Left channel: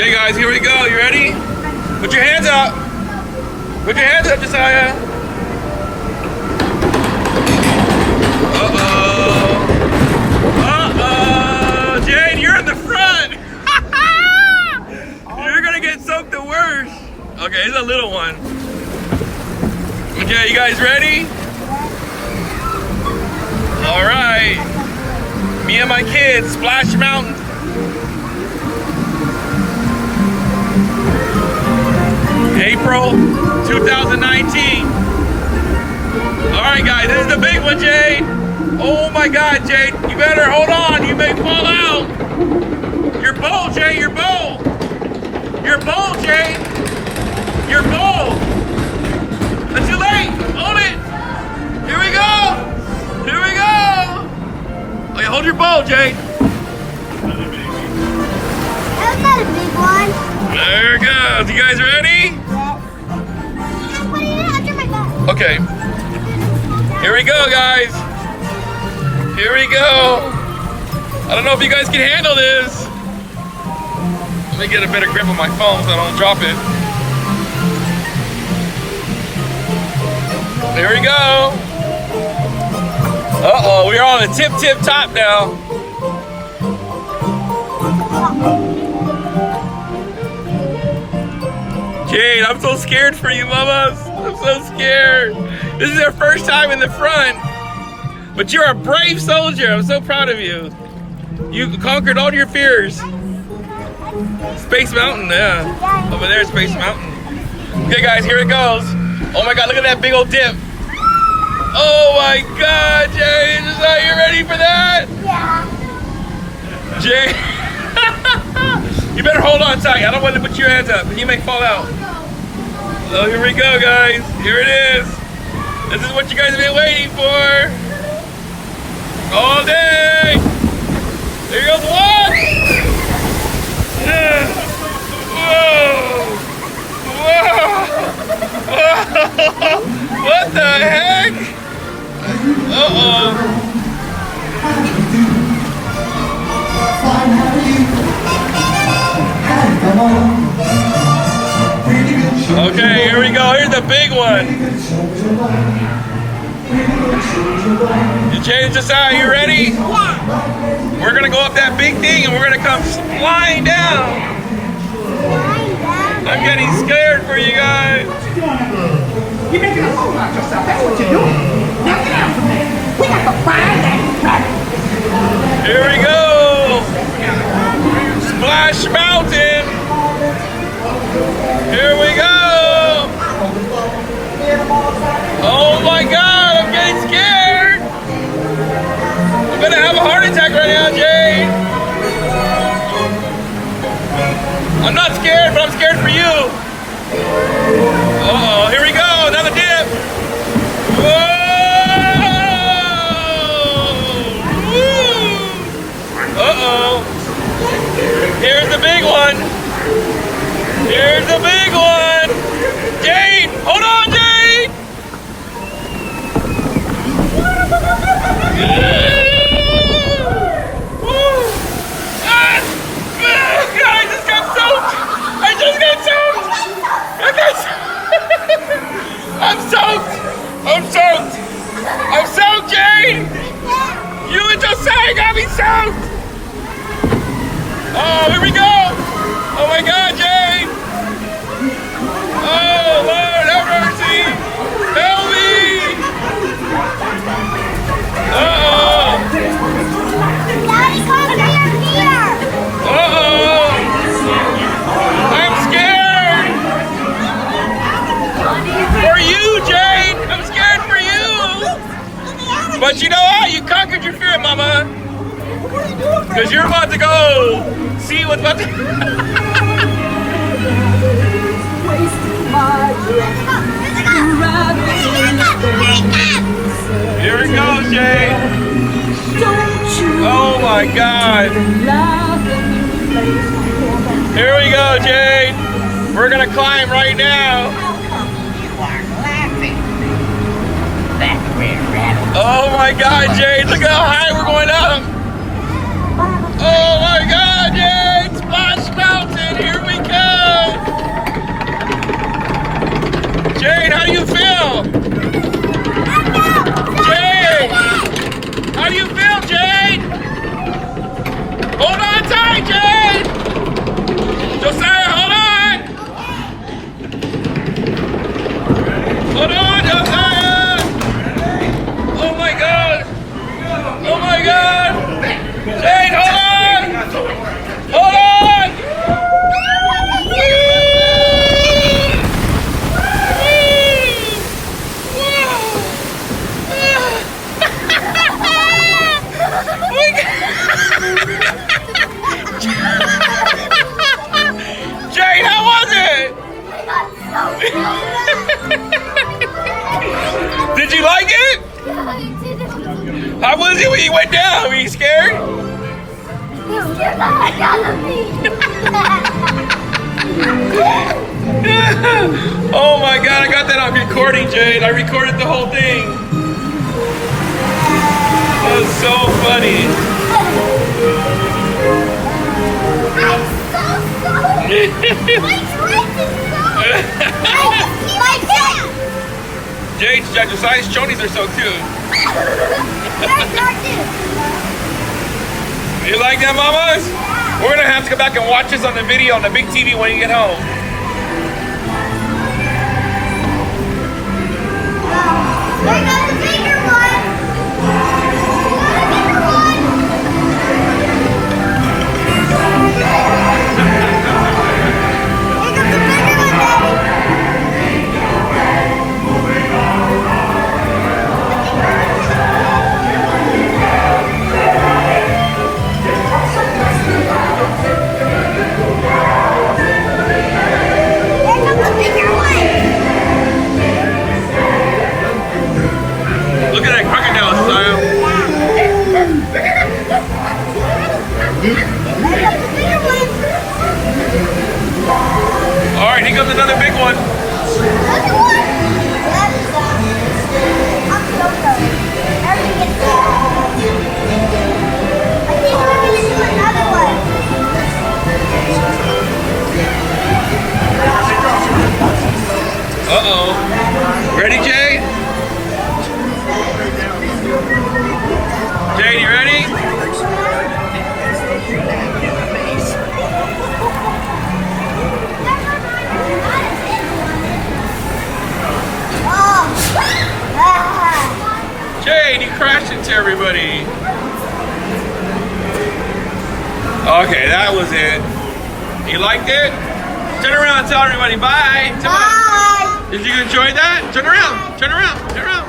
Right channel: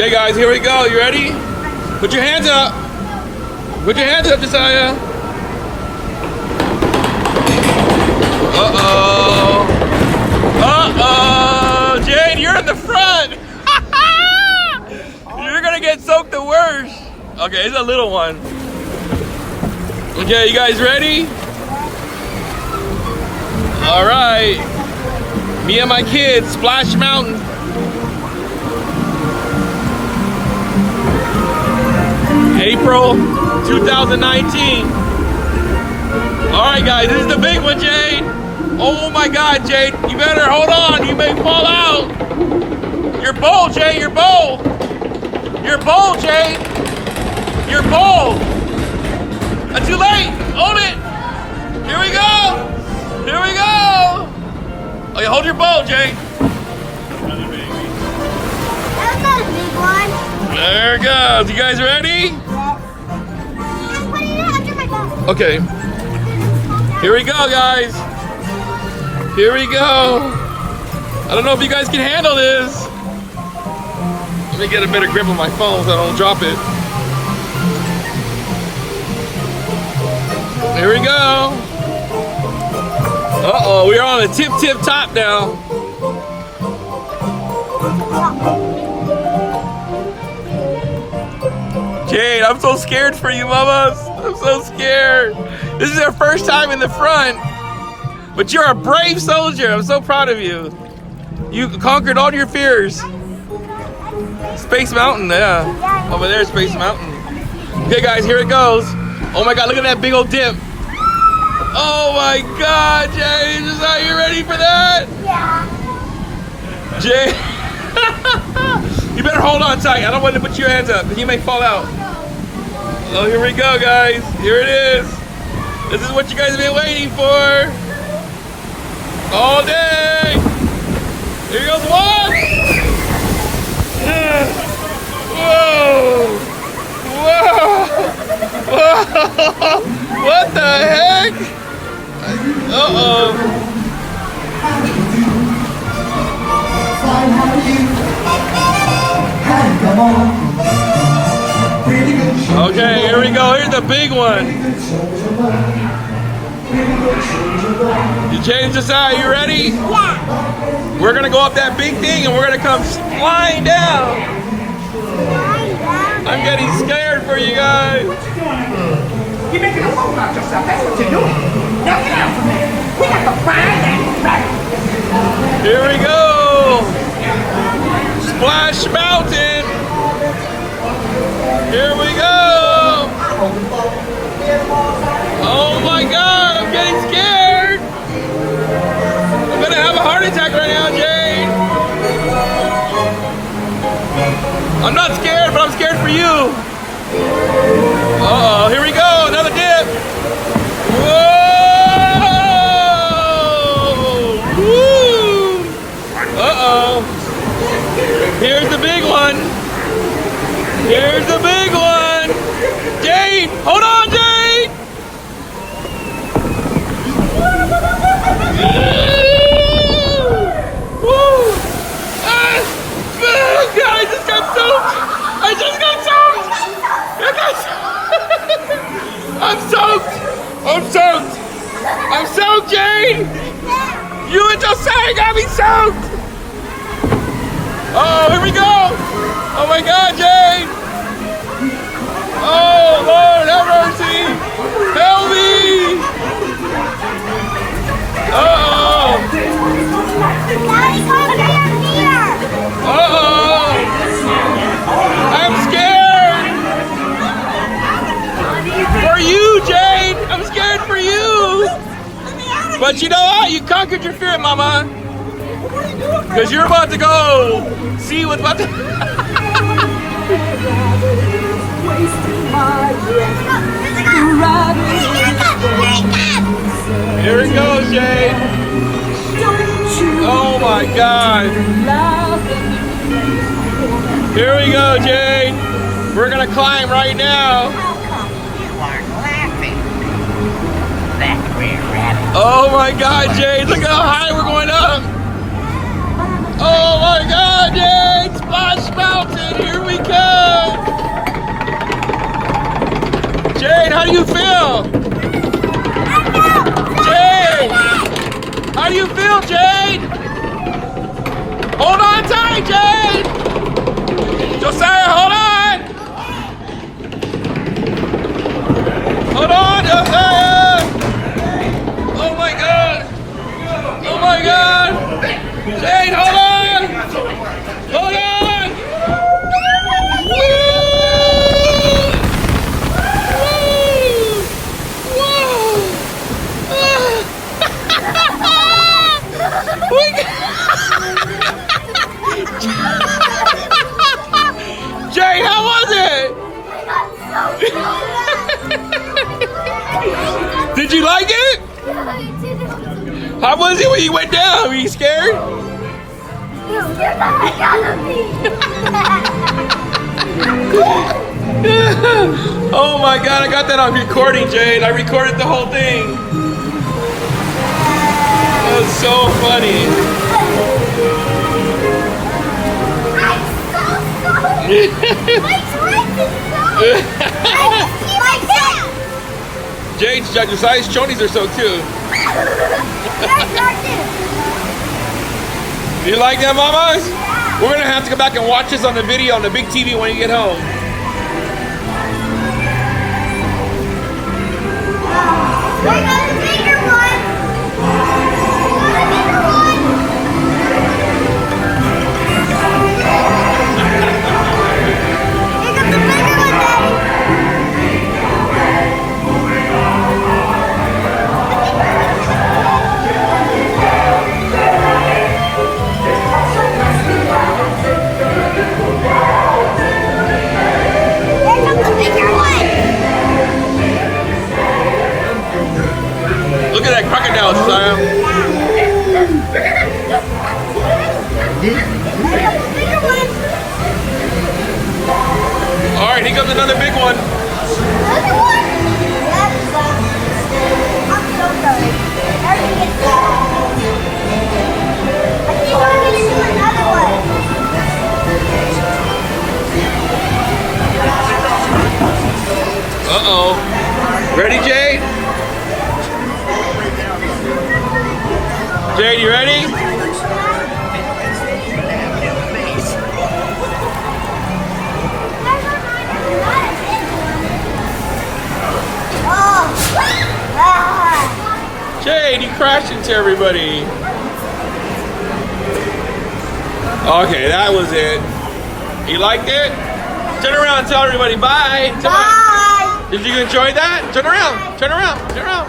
Okay, guys, here we go. You ready? Put your hands up. Put your hands up, Josiah. Uh-oh. Uh-oh. Jade, you're at the front. You're gonna get soaked the worst. Okay, it's a little one. Okay, you guys ready? All right. Me and my kids, Splash Mountain. April 2019. All right, guys, this is the big one, Jade. Oh my God, Jade, you better hold on. You may fall out. Your bowl, Jade, your bowl. Your bowl, Jade. Your bowl. Not too late. Hold it. Here we go. Here we go. Okay, hold your bowl, Jade. That's not a big one. There it goes. You guys ready? Okay. Here we go, guys. Here we go. I don't know if you guys can handle this. Let me get a better grip of my phone so I don't drop it. Here we go. Uh-oh, we're on the tip top now. Jade, I'm so scared for you, mamas. I'm so scared. This is your first time in the front, but you're a brave soldier. I'm so proud of you. You conquered all your fears. Space Mountain, yeah. Over there, Space Mountain. Okay, guys, here it goes. Oh my God, look at that big old dip. Oh my God, Jade, are you ready for that? Yeah. Jade. You better hold on tight. I don't want to put your hands up. You may fall out. Oh, here we go, guys. Here it is. This is what you guys have been waiting for. All day. Here goes one. Whoa. Whoa. What the heck? Uh-oh. Okay, here we go. Here's the big one. You change the side. You ready? Yeah. We're gonna go up that big thing and we're gonna come flying down. Flying down. I'm getting scared for you guys. Here we go. Splash Mountain. Here we go. Oh my God, I'm getting scared. I'm gonna have a heart attack right now, Jade. I'm not scared, but I'm scared for you. Uh-oh, here we go, another dip. Whoa! Woo! Uh-oh. Here's the big one. Here's the big one. Jade, hold on, Jade. I just got soaked. I just got soaked. I'm soaked. I'm soaked. I'm soaked, Jade. You and Josiah got me soaked. Oh, here we go. Oh my God, Jade. Oh, Lord, have mercy. Help me. Uh-oh. Uh-oh. I'm scared. For you, Jade. I'm scared for you. But you know what? You conquered your fear, Mama. Because you're about to go see what's about to... Here we go, Jade. Oh my God. Here we go, Jade. We're gonna climb right now. You are laughing. That red rabbit. Oh my God, Jade. Look how high we're going up. Oh my God, Jade. Splash Mountain. Here we you like it? How was it when you went down? Were you scared? You scared the heck out of me. Oh my God, I got that on recording, Jade. I recorded the whole thing. That's so funny. I'm so sorry. My dress is so. My dad. Jade, Josiah's chonies are so cute. There's nothing. You like that, mamas? We're gonna have to come back and watch this on the video on the big TV when you get home. They got the bigger one. They got a bigger one. They got the bigger one, Daddy. Look at that crocodile style. All right, here comes another big one. I'm so sorry. I keep running into another one. Uh-oh. Ready, Jay? Jay, you ready? Jay, you crashed into everybody. Okay, that was it. You liked it? Turn around and tell everybody bye. Bye. Did you enjoy that? Turn around, turn around, turn around.